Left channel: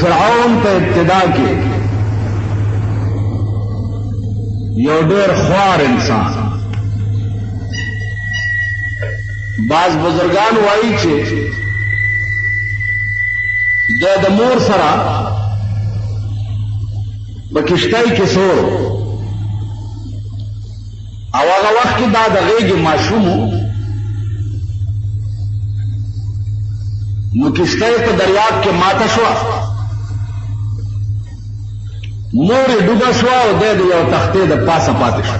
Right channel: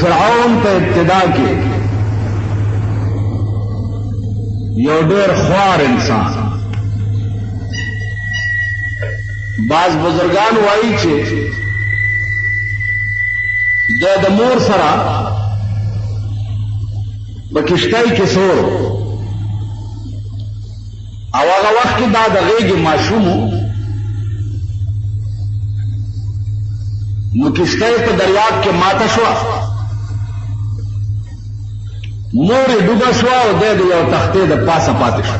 فرعون په ابتدا کې یو ډېر خوار انسان. بعض بزرگان وایي چې د مور سره په کشتۍ کې سو او هغه وخت کې دا د غېږې ماشوم نو کشتۍ په دریاب کې ماته شوه، مور یې ډوبه شوه او دی د یو تختې د پاسه پاتې شو.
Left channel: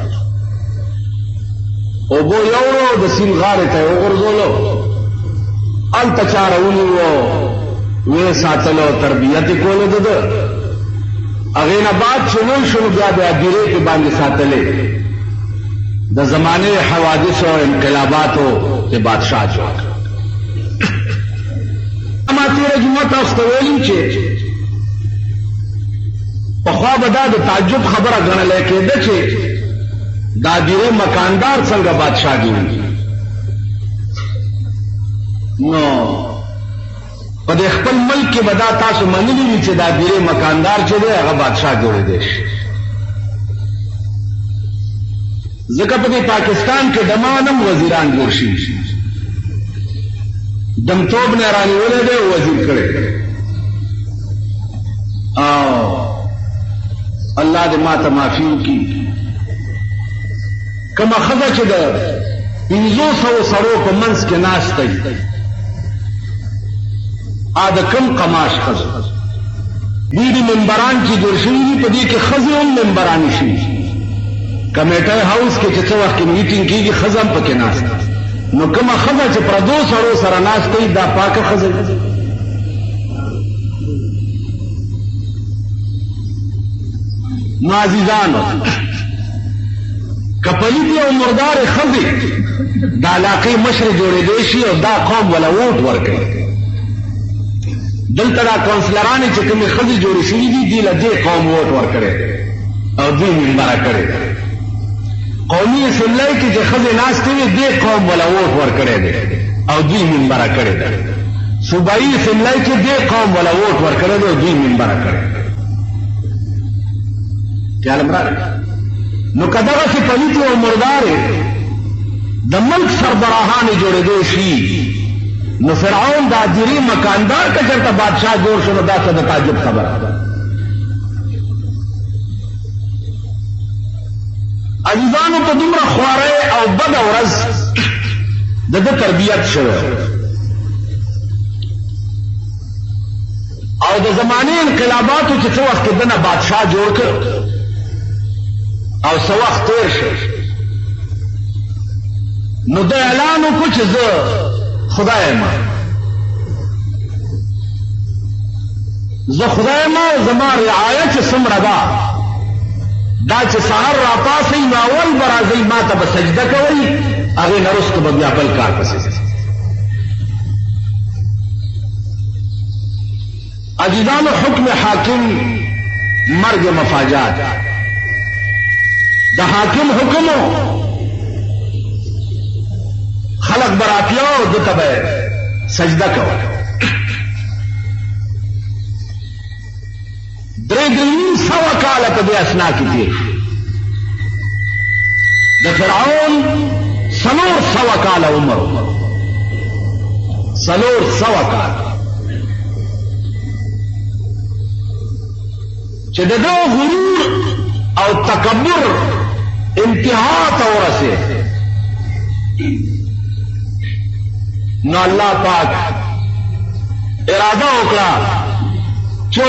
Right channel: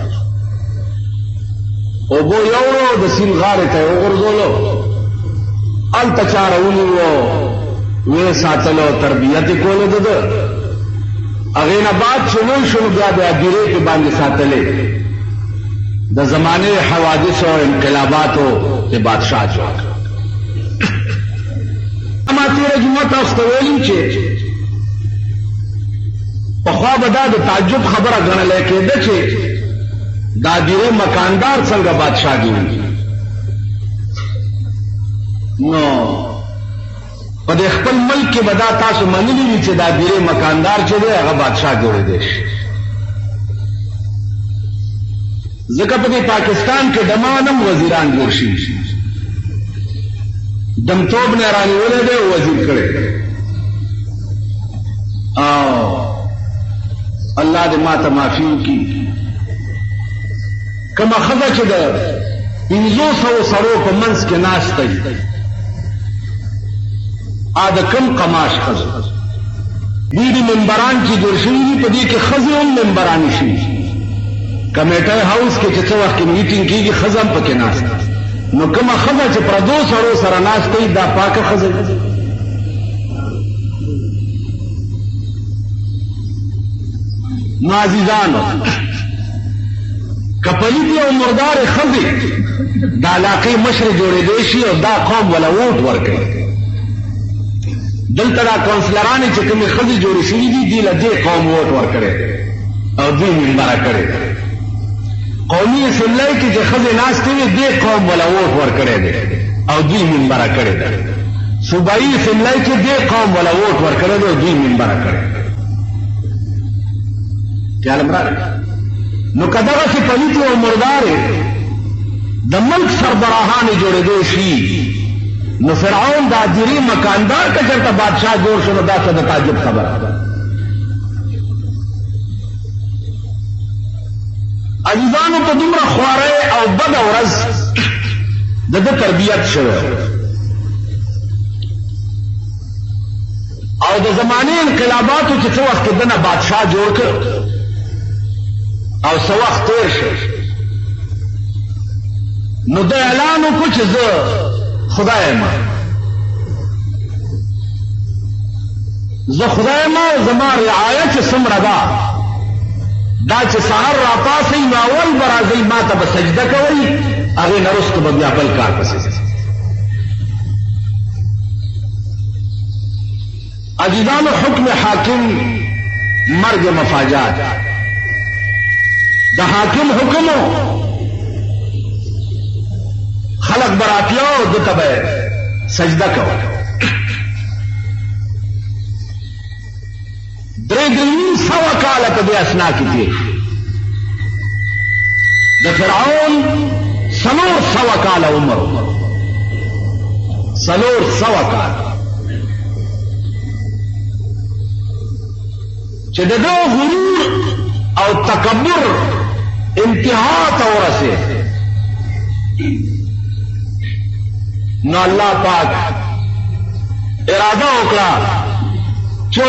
اوبو یوړو د سیند غاړې ته یې وغورځولو، هلته څاره ونیو ویې ساتلو تربیه کې کوله د ده. هغې نه بعد چې نن شو بیا د ګیرې کې باندې ساتلی د زمانې حوادثو او انقلاباتو د بادشاه جوړ کړ. ما تېره جمعه تاسو ته ویلي چې پخوا به دا د تعجب خبره ګڼلی کېده چې دا دیره مکاندار څنګه بادشاه جوړېږي. نو په دې خپل ملک کې به دا تاسو منلي وي چې دا دیره مکاندار چې دی هغه بادشاه جوړېدی شي. ځکه په دې پاکستان کې د ما هم وزیران جوړ شوي شي، دمتوب نه رانیولی دی وزیر کړی. او الله دې ما ته معافي وکړي. کومه ښځه چې د 500 سړو په منځ کې ناسته وي، د کوم قماش ښځه ډېرې ممبران چې جوړ شوي دي، په دې کې ښځې هم ممبرانې شوي. کمیټه هاوس کې چې څه وخت کې میټینګ کېږي ښځه هم پکې ناسته. نو کومه ښځه چې پردو سړو سره ناسته وي دا پاکه ښځه وي. نو عزیزانو، که پلیتې او مردارې ښځې د علاقې مشرې جوړېدی شي او دا قوم به له ووټ ورکړي. دلته را کونسلرانې چې کومې ښځې جوړې شوي دي دې له دې قوم ووټ ورکړي. نو که دغسې پلیتې او مردارې د ملک سربراهانې جوړېدی شي، نو فرعون دا دیرې مکاندار که چېرته بادشاه جوړ شو نو دا څه د تعجب خبره ده. عزیزانو، په دومره خوارۍ او بده ورځ د ده تربیت شوی او د زمانې انقلاباتو چې څه وخت کې ده نه بادشاه جوړ کړ او څه وخت تېر شو، نو دا اعلان وکړو چې زه خدای یم، زه خدای یم، زما رعایه چې څومره ده دا چې سهار راپاسئ نو اول به راځئ ما ته به سجده کوئ، هغې نه وروسته به بیا بل کار پسې ځئ. عزیزانو، حکم حاکم مرګ مفاجات. د حاکم حکمو خلق براتیاو ده ته به سجده کوه. 300 کاله په دې اسنا کې تېر شو. د فرعون 400 کاله عمر، 400 کاله چې د ده غرور او تکبر انتها ته ورسېد. نو الله پاک اراده وکړه چې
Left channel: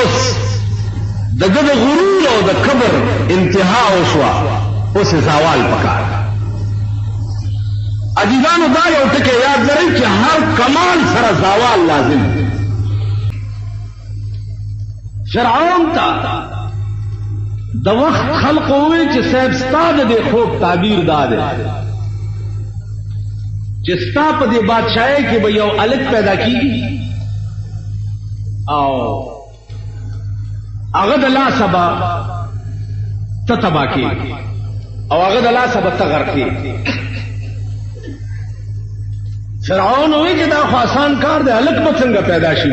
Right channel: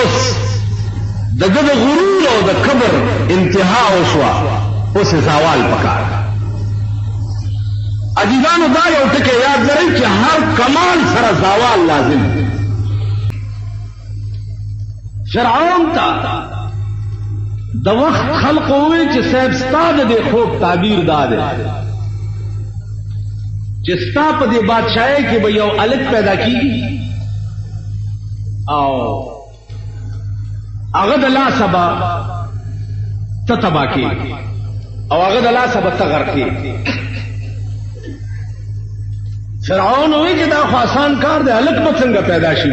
د ده د غرور او د کبر انتها وشوه، اوس زوال پکار. عزیزانو، دا یو ټکی یاد لرئ چې هر کمال سره زوال لازم دی. فرعون ته د وخت خلق ووی چې صاحب ستا د دې خوب تعبیر دا دی چې ستا په دې بادشاہۍ کې به یو الک پیدا کېږي او هغه د لاسه به ته تباه کېږي او هغه د لاسه به ته غرق کېږي. فرعون ووی چې دا خو آسان کار دی، الک به څنګه پیدا شي؟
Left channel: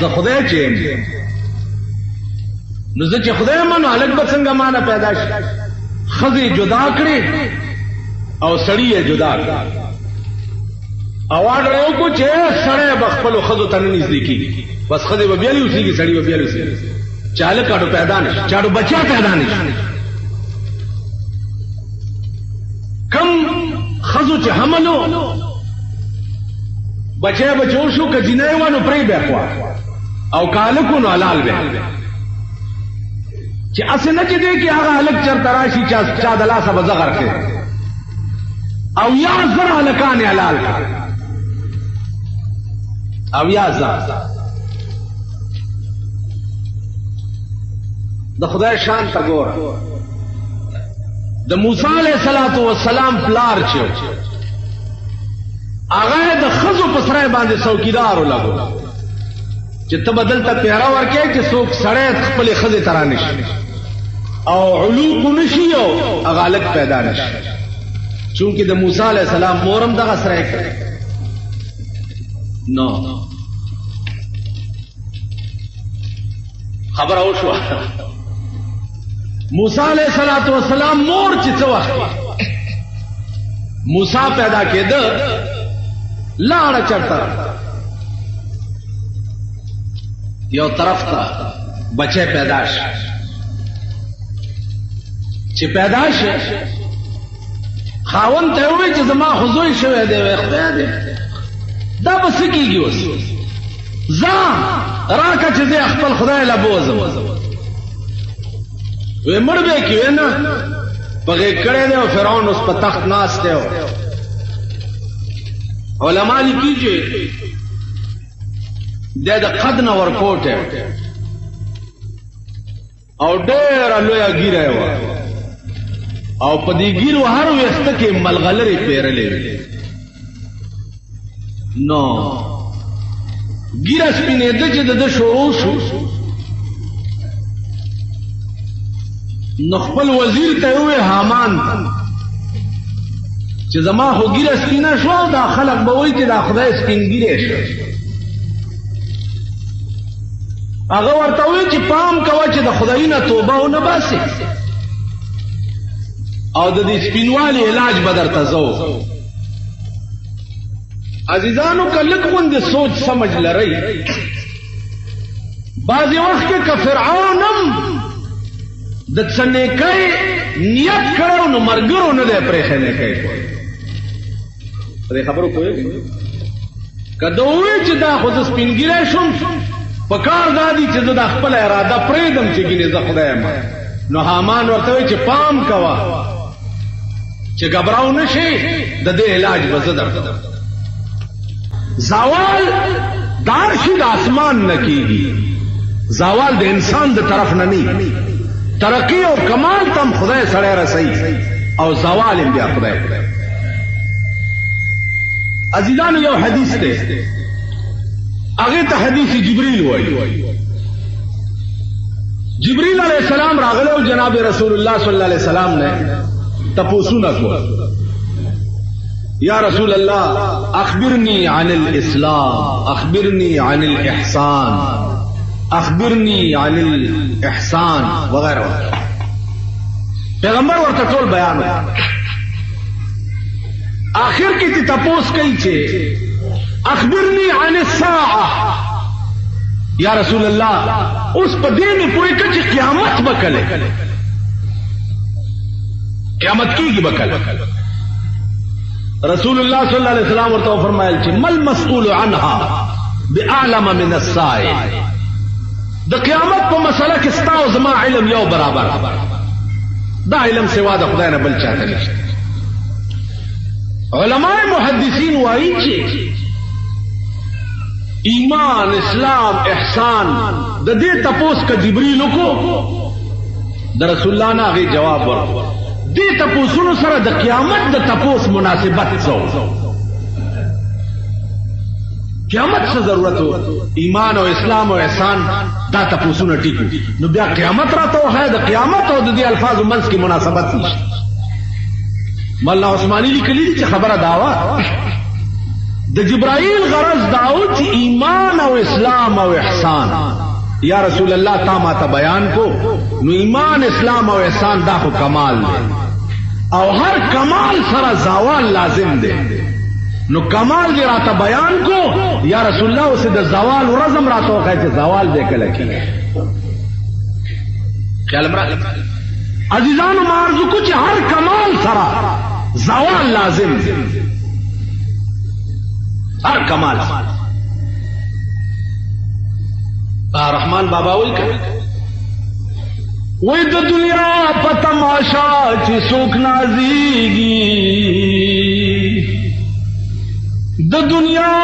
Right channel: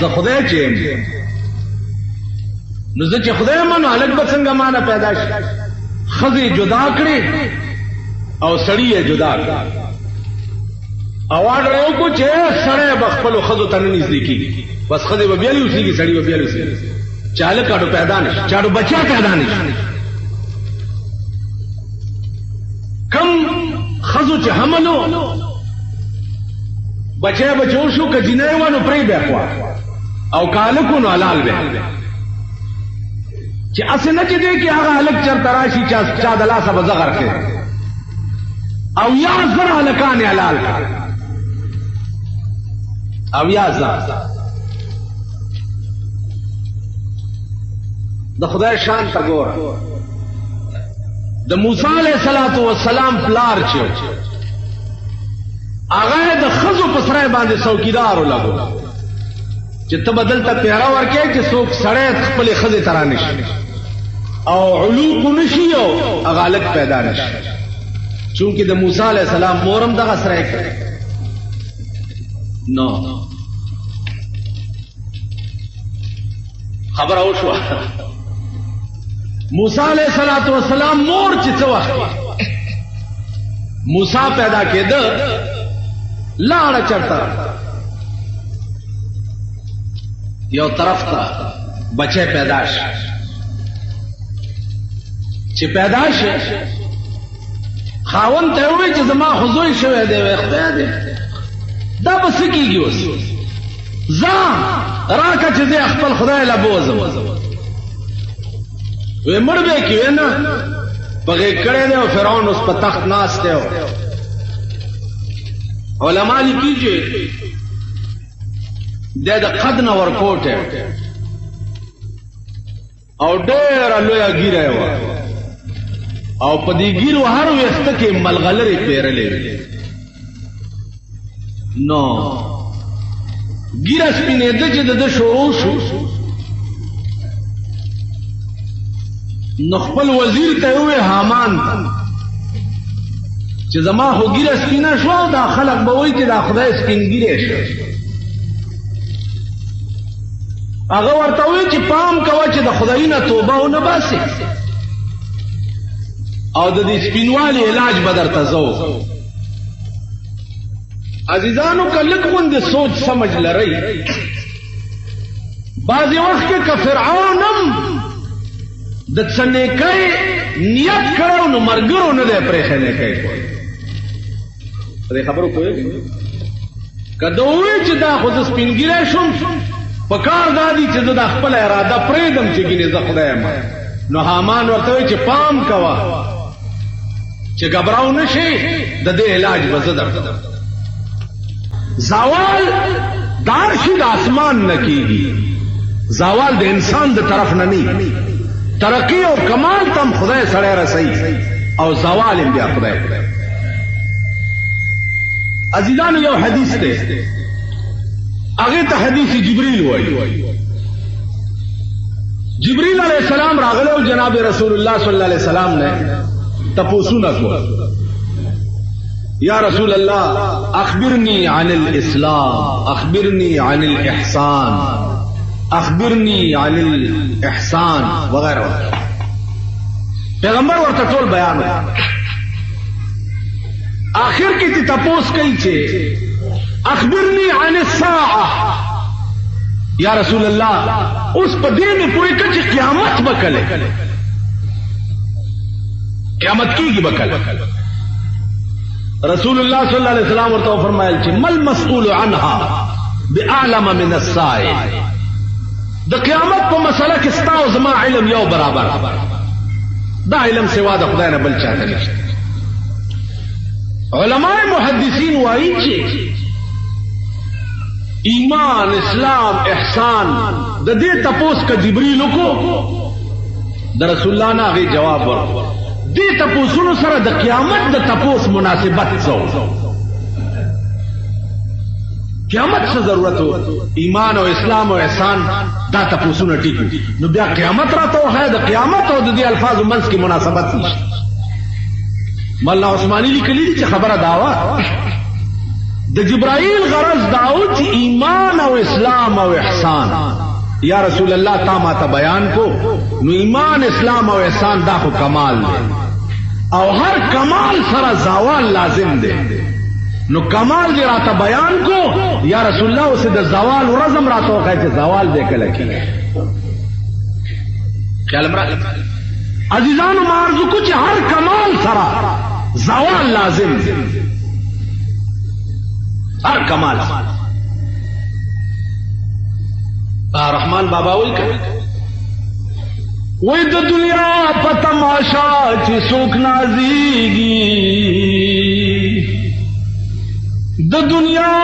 زه خدای چې نو زه چې خدای منو هلک به څنګه مانه پیدا شي ښځې جدا کړې او سړي یې جدا کړ او آرډر یې وکړو چې سړی به خپلو ښځو ته نه نږدې کېږي بس ښځې به بیا اوسېږي سړي به بیا اوسېږي چې هلک اډو پیدا نه شي چې اډو بچیا پیدا نه شي کم ښځو چې حمل و بچی به جوړ شو که جینۍ وه نو پرې به خوا او که هلک و نو حلال به چې هسې نه چې دی کې هغه هلک چېرته راشي چا د لاسه به زغر کړي او یا زر هلکان یې حلال کړي او یا زر د خدای شان ته ګوره د موسی علیه السلام پلار چې هغه د ښځو په سرای باندې څوکیدار ولګو چې ته به دلته پیره ورکې چې څوک سړی خپلې ښځې ته رانشي او علوق نشي او هغه هلک پیدا نشي چونکې د موسی علیه السلام مور هم دغه سرای کړی نو خبره وشوه موسی علیہ السلام مور چې څه وخت موسی پیدا کېده لاړه چرته یو طرف ته بچی پیدا شي چې پیدا شي خاوند ته ووایي چې زما خو زوی شوی دی خدای دی دا به څه کېږي اوس ځه راکړه چې زه خپل خدای له بوځم وی مړ به کې وی نه پغې کړی دی او فرعون اوس په تخت ناست دی علما لیکي چې دی د قد نه ورکوټ او ډېره لویه ږیره یې وه او په دې ږیرو هر ویښته کې ملغلرې پیرلې وې نو ږیره سپینېده چې د ده شروع شو نو خپل وزیر ته وې حامان چې زما خو ږیره سپینه شو دا خلک به وایي چې دا خدای سپین ږیری شو هغه ورته وایي چې پام کوه چې د خدای نه توبه ونه باسې او د دې سپینوالي علاج به درته زه وکړم عزیزانو که لږ غوندې سوچ سمج لرئ بعضې وخت کې که فرعون هم د څه نیکۍ نیت کړی نو ملګرو نه دی پرېښی نیکۍ کوي په دې خبرو پوهېږئ که ده ووایي چې دا خو زه سپین ږیری شوم په کار دا دي چې زه دا خپله اراده پرېږدم چې ګینې زه خدای یم نو حامان ورته وایي چې پام کوه چې ګبراو نه شي د دې علاج به زه درکړم زوال دار شي د اسمان نه کېږي زوال د انسان د طرف نه نه ترقی او کمال تم خدای سره رسي او زوال بیا خدای عزیزان یو حدیث ده هغه ته حدیث جبرئیل وایي جبرئیل علیہ السلام راغله او جناب رسول الله صلی الله علیه وسلم نے تپوسونه کو یا رسول الله اخبرنی عن الاسلام اخبرنی عن الاحسان اخبرنی عن الاحسان وغیرہ پیغمبر ورته ټول بیان آخر کې تپوس کوي چې اخبرنی عن الساعه یا رسول الله اوس په دې نه پوهې ته چې قیامت به کله قیامت کیږي به کله رسول الله صلی الله علیه وسلم ورته فرمایل چې مل مسئول عنها باعلم من السائل د قیامت په مسله کې ستا او زما علم یو برابر دا علم سوا د خدای نه بل چاته نشته علماء محدثین وایي چې ایمان اسلام احسان د دې تپوس که جبرئیل وکړو د رسول الله نه هغې جواب ورکړو دې تپوسونو سره د قیامت د تپوس مناسبت څه قیامت څه ضرورت و ایمان او اسلام او احسان دا تپوسونه ټیک نو بیا قیامت راته وښایه د قیامت او د دې الفاظو منځ کې مناسبت نشته مولانا عثماني لیکلي دي چې خبره دا وه د جبرائیل غرض داو چې ایمان او اسلام او احسان یا رسول الله تا ما ته بیان کو نو ایمان اسلام او احسان دا خو کمال دی او هر کمال سره زوال لازم دی نو کمال دی راته بیان کو یا رسول الله اوس د زوال ورځم راته وخی چې زوال دی کله کېږي خیال مرا عزیزانو مارزو کو چې هر کمال سره زوال لازم دی ہر کمال رحمان بابا وی کہ وی د دنیا په تماشا چې څوک نازيږي د دنیا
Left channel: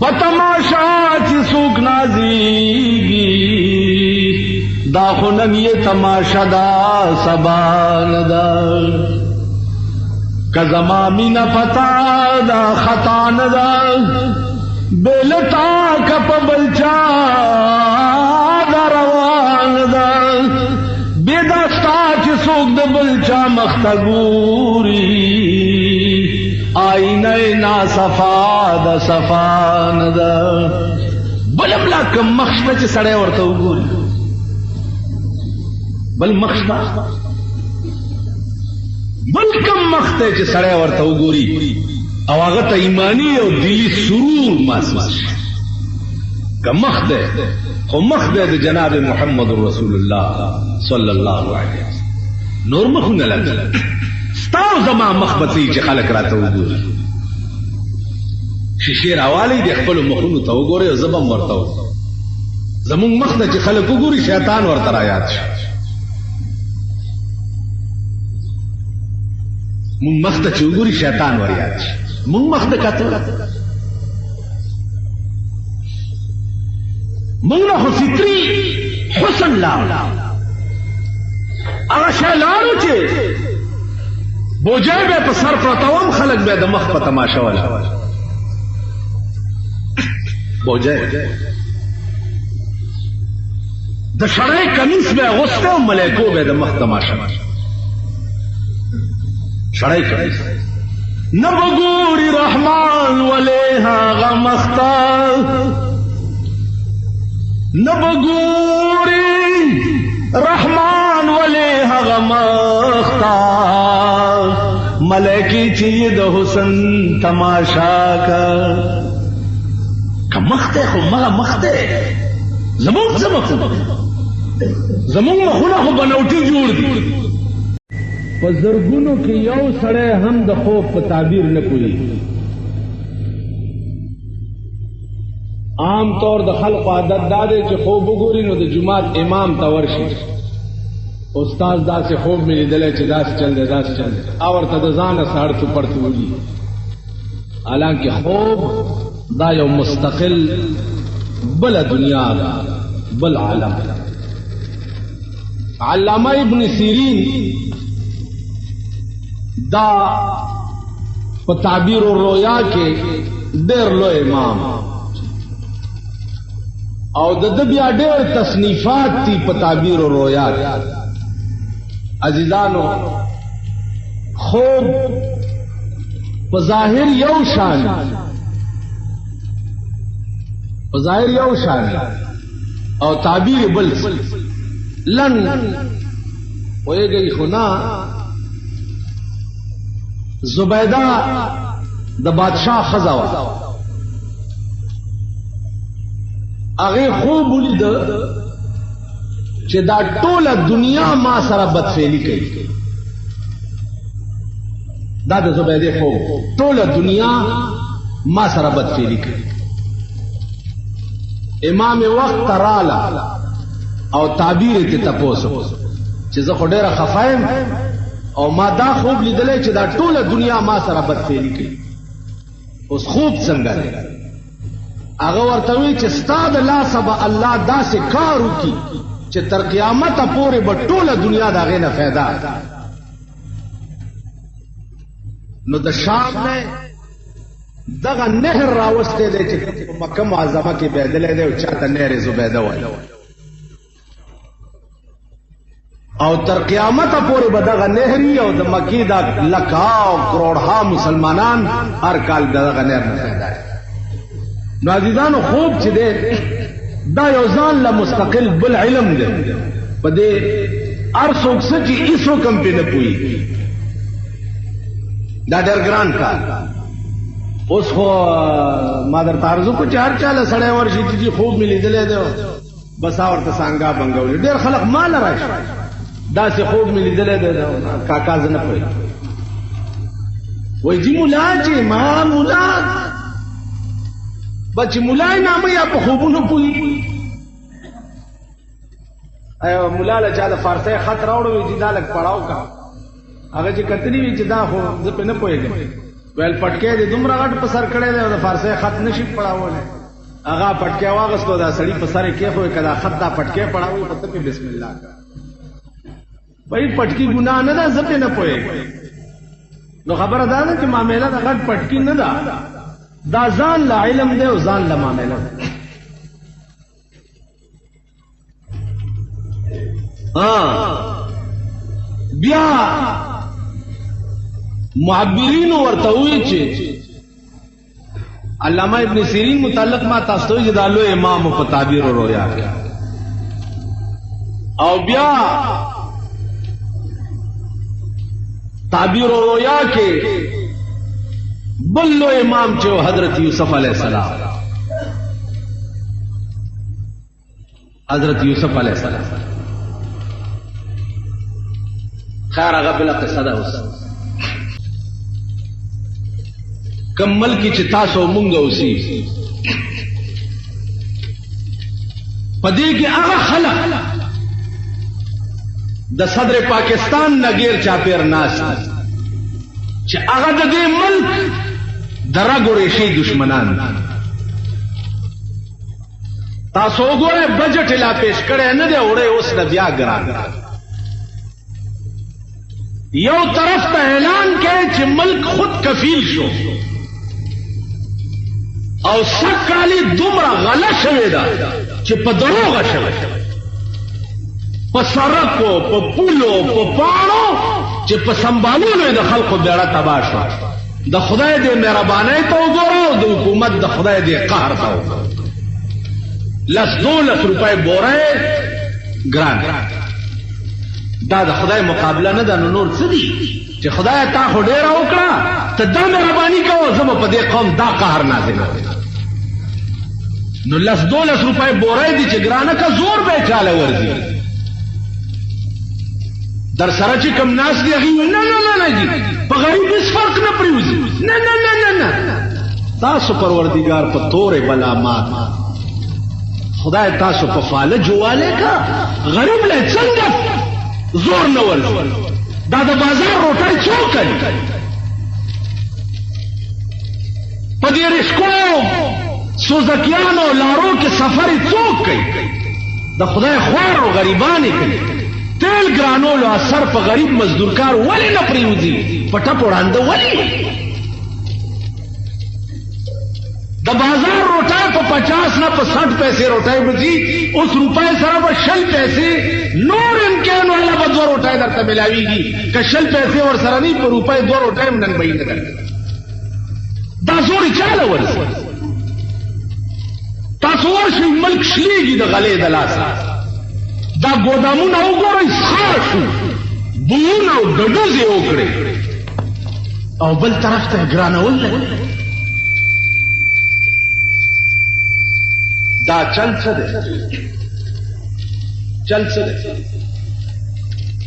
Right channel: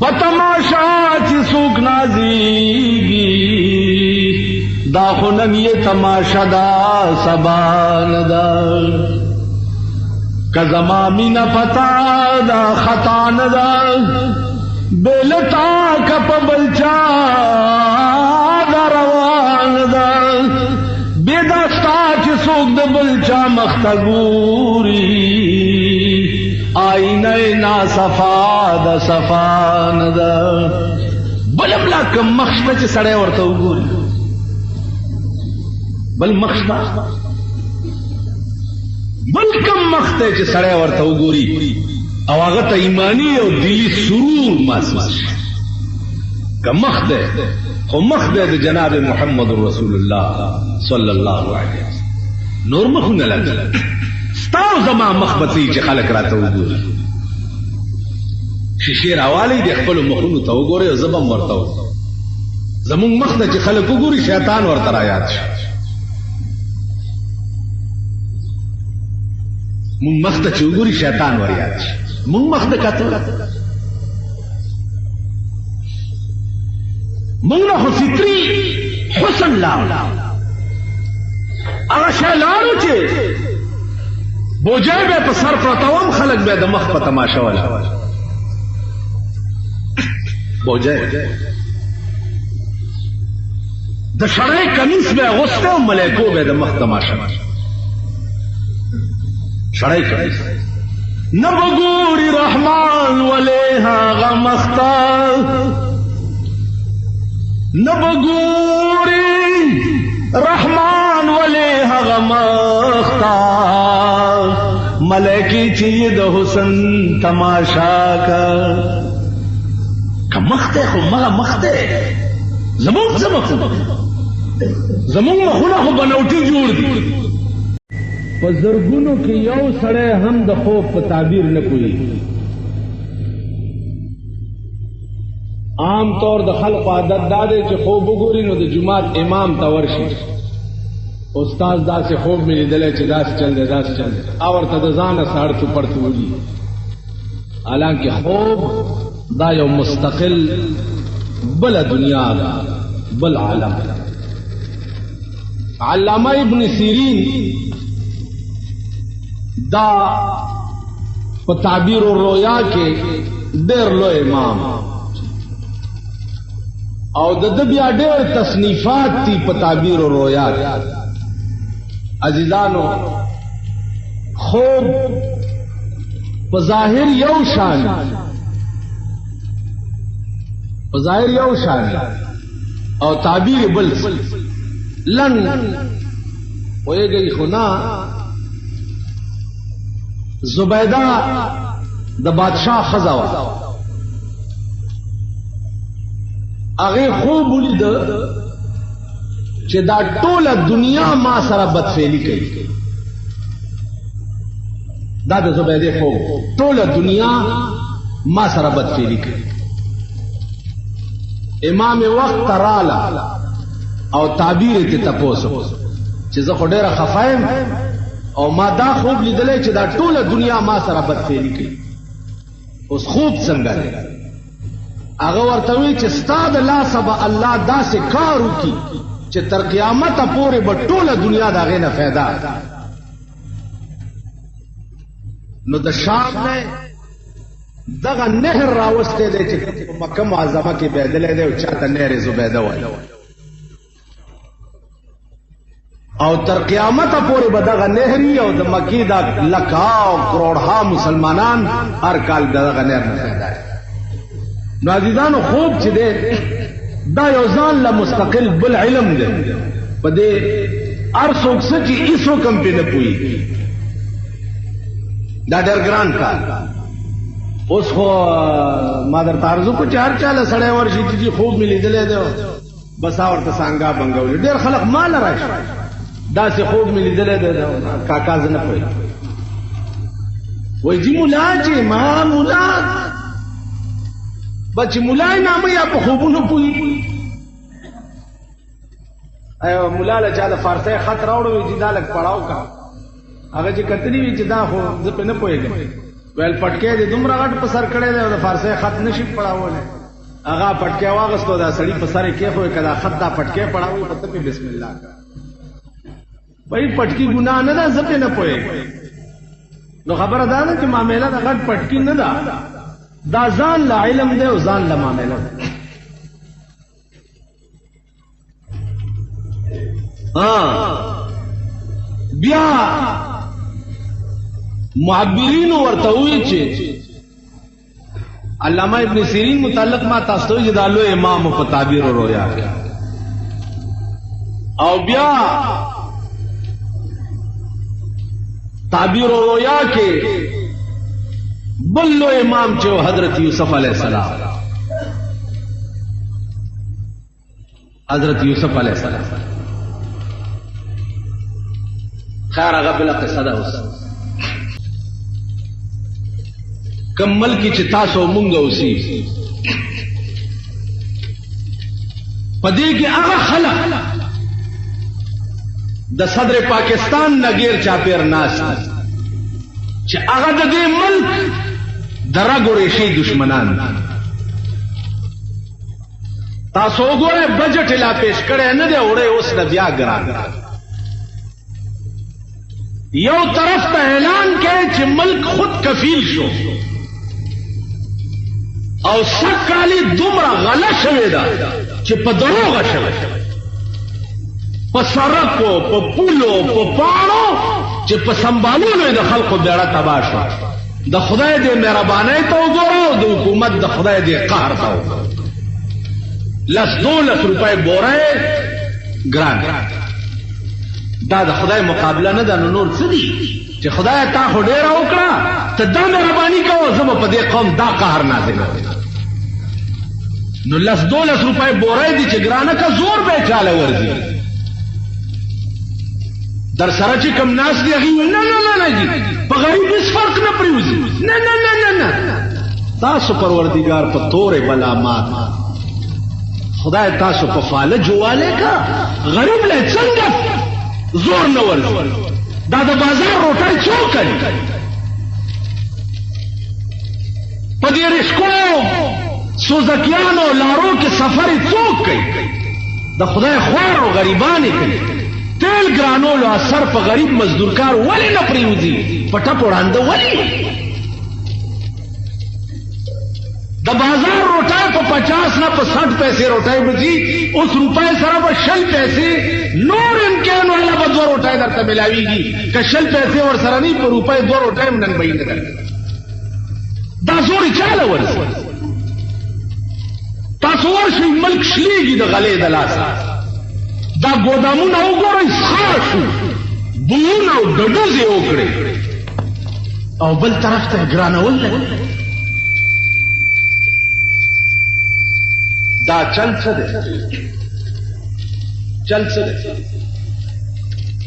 په تماشا چې څوک نازيږي دا خو نن یې تماشا دا سبا نه ده کزما مینا پتا دا خطا ندا بلتا کپ بلچا دا روان دا بیدستا چی سوک دا بلچا مختگوری آئینه نا صفا دا صفا ندا بلبلا کم مخشوه چی سڑے ورطا ہوگی بل مخشوه بلکم مخته چې سره ورته وګوري او هغه ته ایمانی دلی سرور ماسواس کم مخته خو مخته د جناب محمد رسول الله صلی الله علیه وسلم نور مخونه لګل ستاسو زما مخبتی چې خلک راته وګوري شیشه راوالی د خپل مخونو ته وګوري زبم ورته زمون مخته چې خلک وګوري شیطان ورته را یاد شي مون مخته چوغوري شیطان وریا مون مخته کتل مون له فطری حسن لا هغه شلارو چې بوجای به په سر پرتاوم خلک به د مخ په تماشا ولا بوجای د شړای کمیس به غوسته ملائکو به د مخ تماشا شړای کوي نبګوري رحمان ولها غمختا نبګوري رحمان ولها غمختا ملائکی چې د حسن تماشا کا کمخته خو مخته زمون مخونه خو بنوټي جوړ دي په زرګونو کې یو سړی هم د خوب په تعبیر نه کوي عام طور د خلق عادت دا دی چې خوب وګوري نو د جماعت امام ته ورشي استاد داسې خوب مې لیدلی چې داسې چل دی داسې چل دی او ورته د ځانه سهار په پړت وږي حالانکه خوب دا یو مستقل بل دنیا ده بل عالم علامه ابن سیرین دا په تعبیر الرؤیا کې ډېر لوی امام او د دې بیا ډېر تخلیفات دي په تعبیر الرؤیا کې عزیزانو خوب په ظاهر یو شان او تعبیر بل لن ویږي خو نه زبیده د بادشاہ ښځه وه هغې خوب ولیده چې دا ټوله دنیا ما سره بدفعلي کوي دا د زبیدې خوب ټوله دنیا ما سره بدفعلي کوي امام وقت راله او تعبیر ته تپوسو چې زه خو ډېره خفه یم او ما دا خوب لیدلی چې دا ټوله دنیا ما سره بدفعلي کوي اوس خوب څنګه دی هغه ورته وی چې ستا د لاسه به الله داسې کار وکړي چې تر قیامته پورې به ټوله دنیا د هغې نه فایده نو د شام نه دغه نهر راوستی دی چې او تر قیامت پورې به دغه نهري او د مکې دا لکاو کروڑها مسلمانان هر کال دغه نهر مخاده. نو عزیزانو خوب چې دی دا یو ځان له مستقل بل علم دی په دې هر څوک څه چې هېڅ حکم پې نه پوهېږي دا ډېر ګران کار. اوس خو ما درته عرض وکړو چې هر چا له سړی ورشي چې دې خوب مې لیدلی دی بس ورته سانګا بنګولې ډېر خلک ما له راشي داسې خوب مې لیدلی دی کاکا زه نه پوهېږم وایي جي ملا چې ما ملا بس چې ملا یې نامه یا په خوبونو پوهېږي ملا له چا د فارسۍ خط راوړو وي چې دا لږ پړاو کا هغه چې کتلي وي چې دا خو زه پې نه پوهېږم ویل پټکی دې دومره غټ په سر کړی دی او د فارسۍ خط نه شي پړاولی هغه پټکی واغستو دا سړي په سر یې کېښود که دا خط دا پټکی پړاوي په ته پې بسم الله کړه بھائی پټکي ګناه نه ده زه پې نه پوهېږم نو خبره دا ده چې معامله د غټ پټکي نه ده دا ځان له علم دی او ځان له معامله ده. بیا معبرینو ورته وویل چې علامه ابن سیرین متعلق ما تاسو ته چې دا لوی امام په تعبیر او رؤیا او بیا تعبیر او رؤیا کې بل لوی امام چې حضرت یوسف علیہ السلام حضرت یوسف علیہ السلام خیر هغه بله قصه ده اوس کم ملکی چې تاسو مونږ اوسي په دې کې هغه خلک د صدر پاکستان نه غیر چاپیر ناست چې هغه د دې ملک د رګو ریښې دشمنان تاسو وګورئ بجټ لا پیش کړی نه دی وړی اوس د بیا ګران یو طرف ته اعلان کوي چې ملک خود کفیل شو او سکالی دومره غله شوې ده چې په دروغه شوې په سړکو په پولو په پاڼو چې په سنبالولو یې د خلقو بیړه تباه شوه د خدای دې مهربانۍ ته وګوره او د حکومت د خدای دې قهر ته وګوره 10-12 روپۍ بوره ګران دا د خدای مقابله نه ده نو نور څه دي چې خدای تا خو ډېره وکړه ته دا مهرباني کوه زه به په دې قوم دا قهر نازله نو 10-12 روپۍ بوره دي چې ګرانه که زور به یې چاله ورځي در سره چې کم ناست دي هغې ویل نه نه نه جي په غریب هېڅ فرق نه پرېوځي نه نه نه نه نه تاسو پروردګار په تورې بلا مات خدای تاسو په فالج والی کا غریب له څنګه زور نه ورځي دا د بازار روټۍ څوک کوي په دې رشکو سوزکیانو لارو کې سفر څوک کوي د خدای خوار او غریبانې کوي تیل ګرانولو اثر په غریب مزدورکار ولې نه پرېوځي په ټپ وړاندې ولې د بازار روټۍ په 50 نه په 60 پیسې روټۍ بځي اوس روپۍ سره به 60 پیسې نور امکان والا به 2 روټۍ درته ملاویږي که 60 پیسې ور سره نه په روپۍ 2 روټۍ هم نن به یې نه درته دا زور یې چاله ورځي تاسو ورشئ ملک شلېږي د غلې د لاسه دا ګودامونه وګورئ خاصو بویونه او ډډوزې وکړئ او بل طرف ته ګرانول لګي دا چل څه دی چل څه دی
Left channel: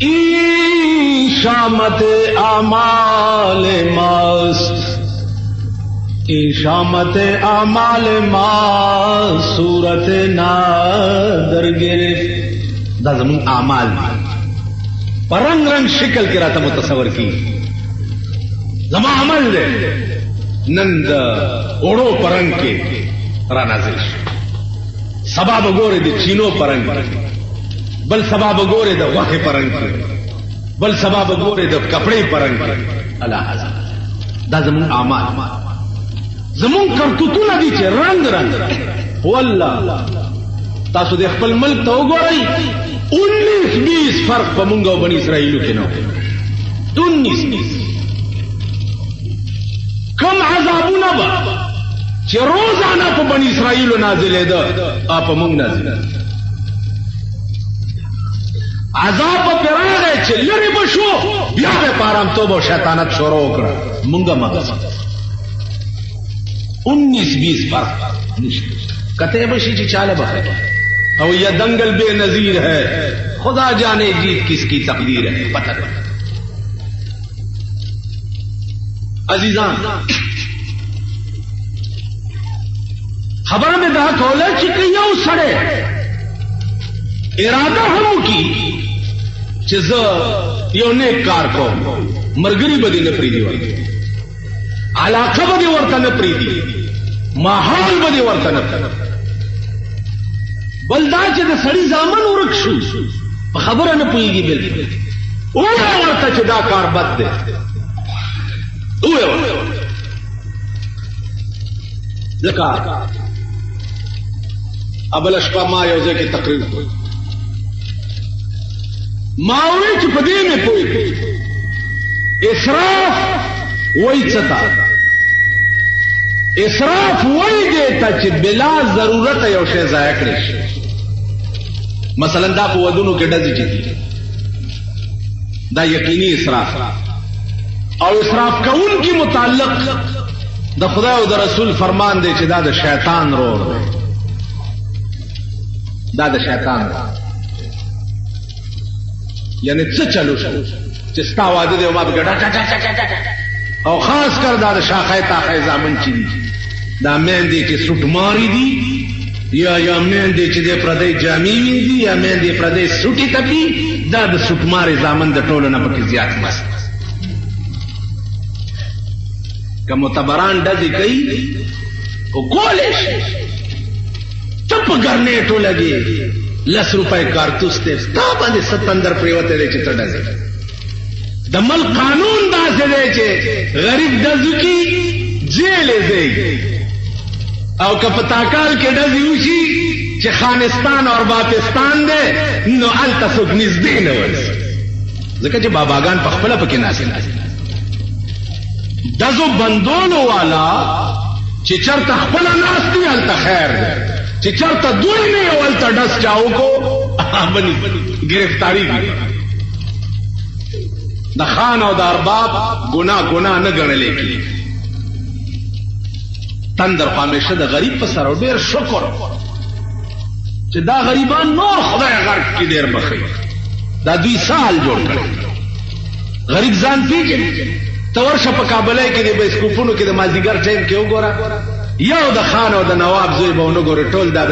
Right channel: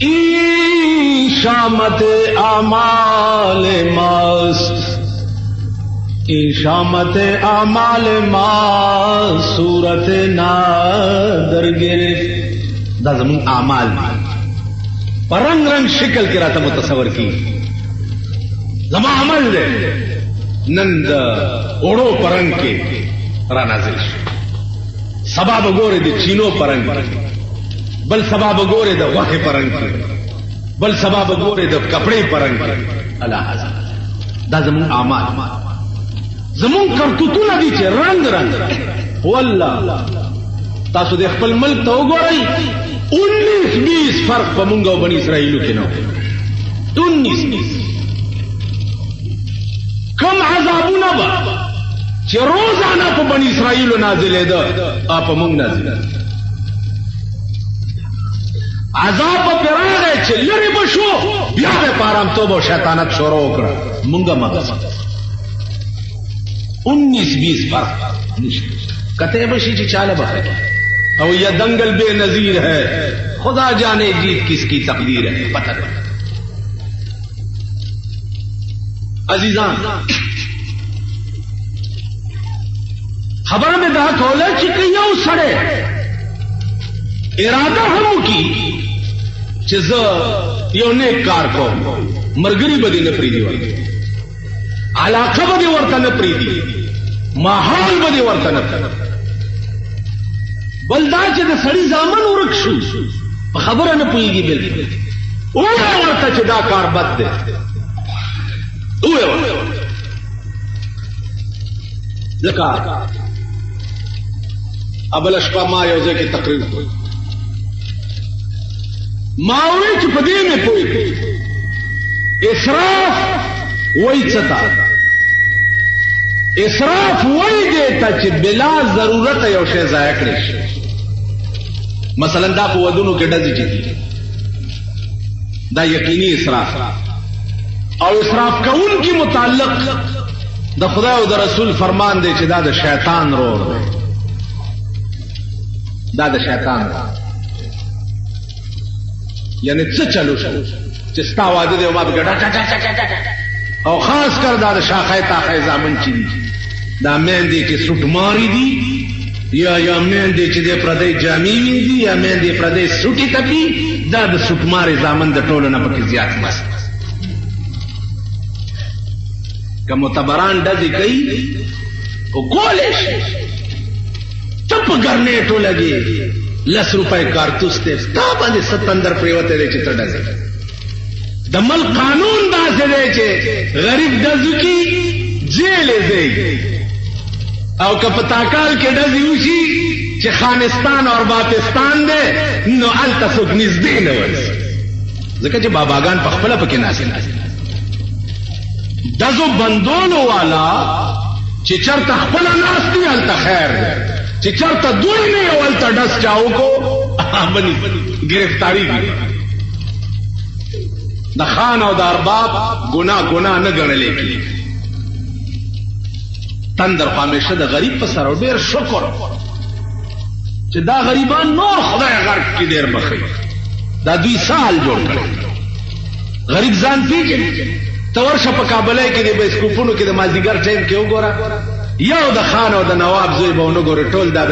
این شامت اعمال ماست این شامت اعمال ما صورت نادر گرفت دا زمون اعمال پر رنگ رنگ شکل کی راته متصور کی زما عمل دے نن دا اوڑو پرنگ کے را نازل شو سبا بگورے دے چینو پرنگ کے بل سبا بگورے دا وحی پرنگ کے بل سبا بگورے دا کپڑے پرنگ کے اللہ حضر دا زمون اعمال زمون کرتوتونه دي چې رنگ رنگ والله تاسو د خپل ملک ته وګورئ 19-20 فرق په مونږ او بني اسرائیلو کې نه 19-20 کوم عذابونه به چې روزانه په بني اسرائیلو نازلېده په مونږ نازلېده عذاب په راغی چې لرې به شو بیا به په ارامتوب او شیطانت شروع وکړه مونږ مغزي 19-20 فرق کتے بشی جی چالہ بخیر اور یہ دنگل بے نظیر ہے خدا جانے جیت کس کی تقدیر ہے عزیزان خبر میں دا کھولے چکیوں سڑے ارادہ ہموں کی چیزا یہ نیک کار کو مرگری بدی نپریدی ورطا علاقہ بدی ورطا نپریدی ماحول بدی ورطا نپریدی بلدا چې د سړي ځامن ورک شو په خبره نه پوهېږي بلکې ووایه ورته چې دا کار بد دی ووایه ځکه ابله شپه ما یو ځای کې تقریر کړ ما وویل چې په دې مې پوهېږي اسراف وایي څه ته اسراف وایي دې ته چې بلا ضرورت یو شی ضایع کړی شي مثلا دا په ودونو کې ډزې کېږي دا یقیني اسراف او اسراف کوونکي متعلق د خدای د رسول فرمان دی چې دا د شیطان یعنی څه چلو چې ستا واده دی او ما دغه او خاص کر دا د شاخۍ تاخۍ زامن چې دا میندې چې سوکماري دي یا میندې چې د پردۍ جامې دي یا میندې پردۍ سوټې تپي دا د سوکماري زامن د ټولو نه پکې زیات مست که معتبران ډزې کوي خو ګولې شي ته په ګرنېټو لګې 10 روپۍ کارتوس دی ستا باندې 17 پرېوتی دی چې ته ډزې د ملک قانون داسې دی چې غریب ډزو کې جیل ځي او که په تاکال کې ډزې وشي چې خانستان اور باپستان دی نو هلته څوک نږدې نه ورځي ځکه چې باباګان په خپله پکې ناست ډزو بندولو والا چې چرته خپله ناست دي هلته خیر دی چې چرته دوی نه یو هلته ډز چا وکړو بني ګرفتاري دي د خان او د ارباب ګناه نه ګڼلې کېږي تندر خو همیشه د غریب په سر او ډېر شکر چې دا غریبان نور خدای غرق کې ډېر بخي دا دوی سال جوړ کړی غریب ځان پیژني ته ورشه په کابلۍ کې د بایسکوپونو کې د مازدیګر ټایم کې وګوره یو د خان او د نواب زوی به ونه ګورې ټول دا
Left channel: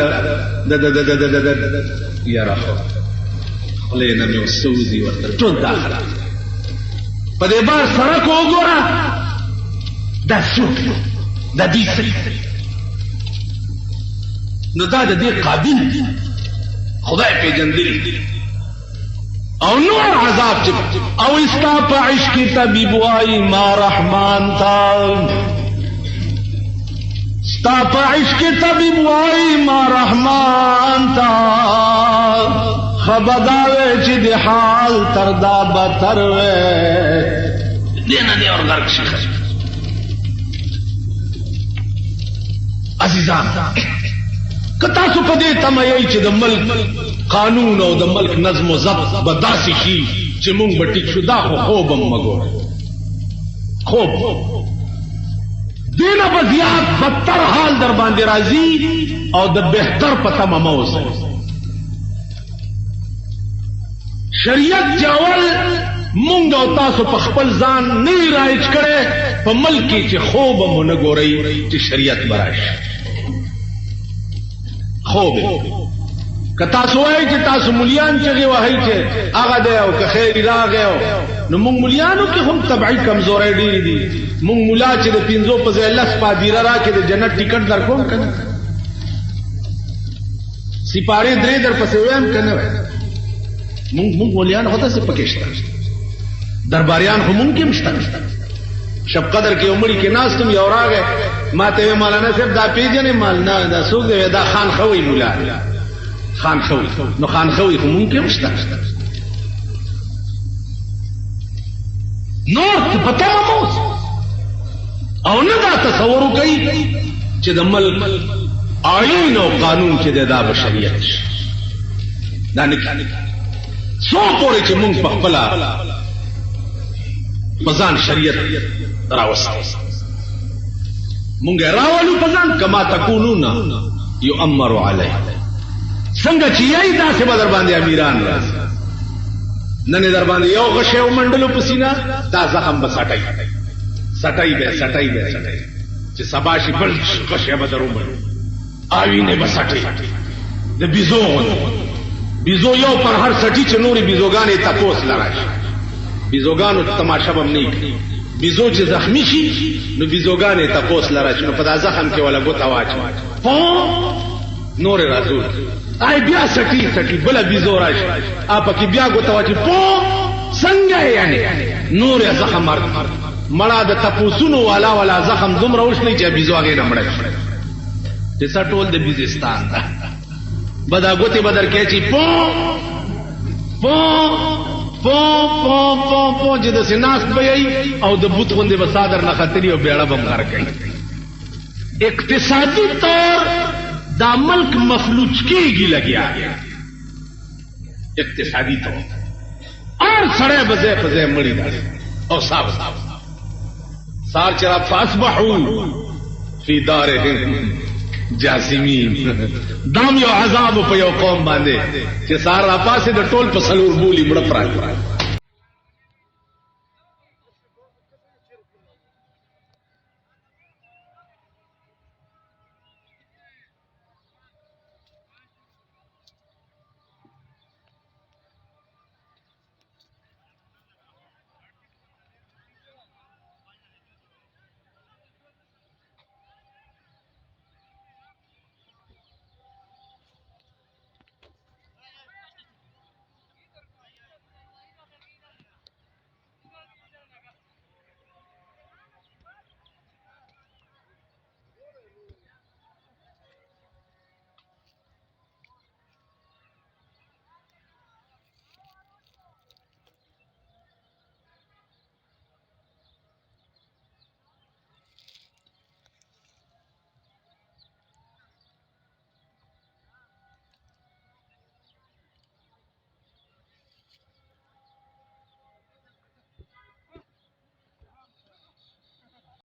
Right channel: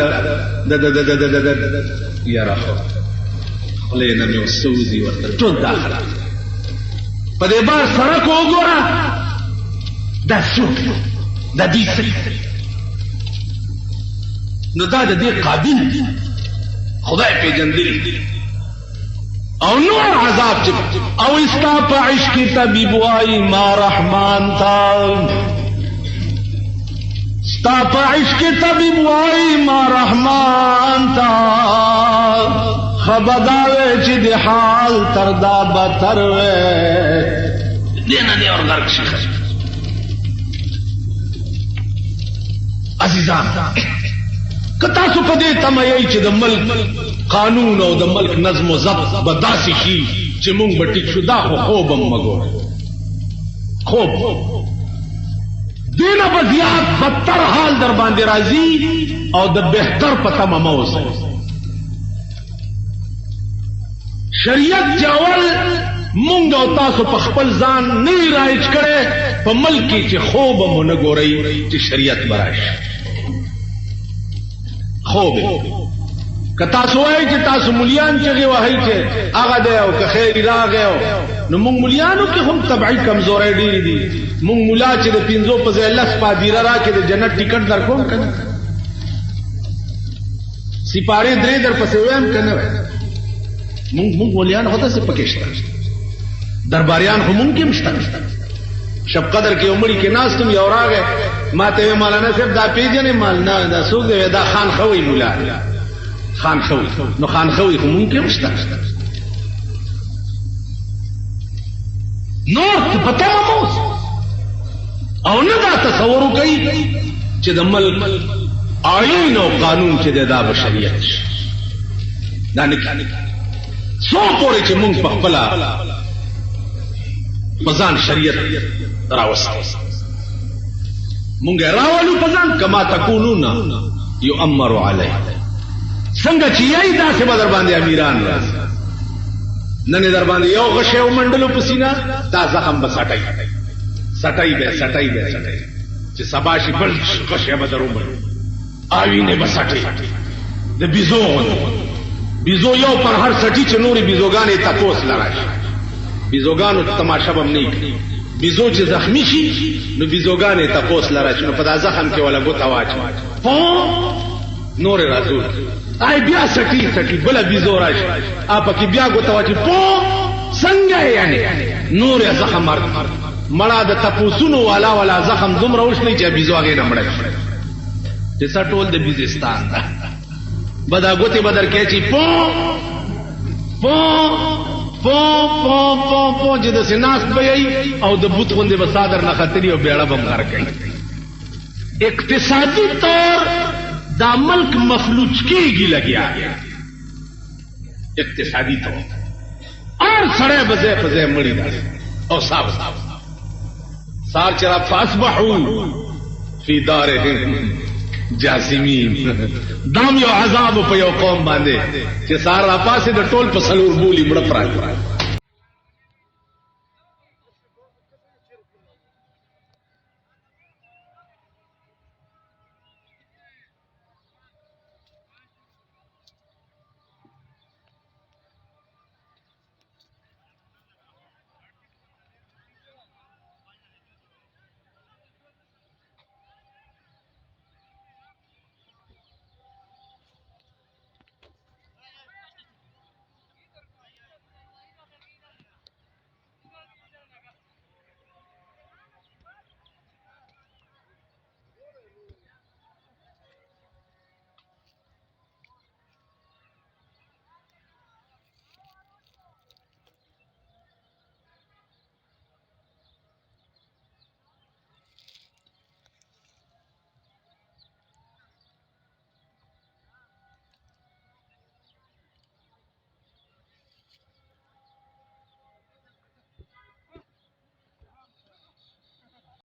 یاره خولې نه مې وسوځي ورته ټول دا خراب په دې بار سړک وګوره دا څوک دا دوی نو دا د دې قابل دي خدای پیژندلی او نور عذاب چې او استا په عشق کې طبيب وای ما رحمان تا استا په عشق کې طبيب وای ما رحمان تا خبردار چې د حال تر دا بتر وې دینه دی اور غرق شي عزیزان کتا سو پدې تمایي چې د ملک قانون او د ملک نظم او ضبط بداسي شي چې مونږ به ټیک شو دا خو خوب هم مګو خوب دینه په زیات بدتر حال در باندې راځي او د بهتر په تمه مو اوسه شریعت جوړ مونږ او تاسو په خپل ځان نه رایج کړي په ملک کې چې خوب هم نه ګوري چې شریعت مراشي خوب که تاسو وایي چې تاسو مليان چغې وهئ چې هغه دی او که خیر راغی نو مونږ مليانو کې هم طبعي کمزورۍ ډېرې دي مونږ ملا چې د 500 په ځای 10 پادیره راکړي د جنت ټکټ درکوم که نه سپارې 3 درپسې وایم که نه مونږ مليان هغسې پکې شته درباریان خو مونږ کې هم شته شب قدر کې عمرې کې ناست یم یو راغی ما ته ویې مولانا صاحب دا پېژنې مال نه دا څوک دی دا خان ښه وایي ملا خانخو نو خانخو یې مونږ کې وشته نو پته مو او نه دا تصور کوي چې د ملک آئین او قانون چې دا بشریت دا نه څو پورې چې مونږ په خپله پزان شریعت راوستو مونږ راولو پزان کما تکونون یؤمر علیه څنګه چې یې داسې به در باندې امیران راځي نن در باندې یو غشی ومنډلو په سینه دا زخم به سټی به چې سبا شي بل غشی به در ومنډو آوینه به سټی د بیزو بیزو یو پر هر سټي چې نورې بیزوګانې تپوس لراشي بیزوګانو تماشا به نه کوي بیزو چې زخمی شي نو بیزوګانې تپوس لراشي نو په دا زخم کې ولا ګوته واچي نور راځو آی بیا سټي بل بیزو راشي اپ کې بیا ګوته واچي څنګه یعنی نور زخم مړه د تپوسونو ولا زخم دومره وشي چې بیزو هغه نه پړای چې ټول د بیزستان بدا ګوته بدر کې چې پو چې د سناس بهي او د بوت غوندې بسادر نه خطري او بیړه بم غر کوي اقتصادي طور دا ملک مفلوج کېږي لګیا اقتصادي طور اور سړی بځای په ځای مړی دا او صاحب سار چر فاصبحوا فی دارهم جاسمین دام یو عذاب په یو قوم باندې چې سار را پاسه د ټول په سلور بولی مړ پراته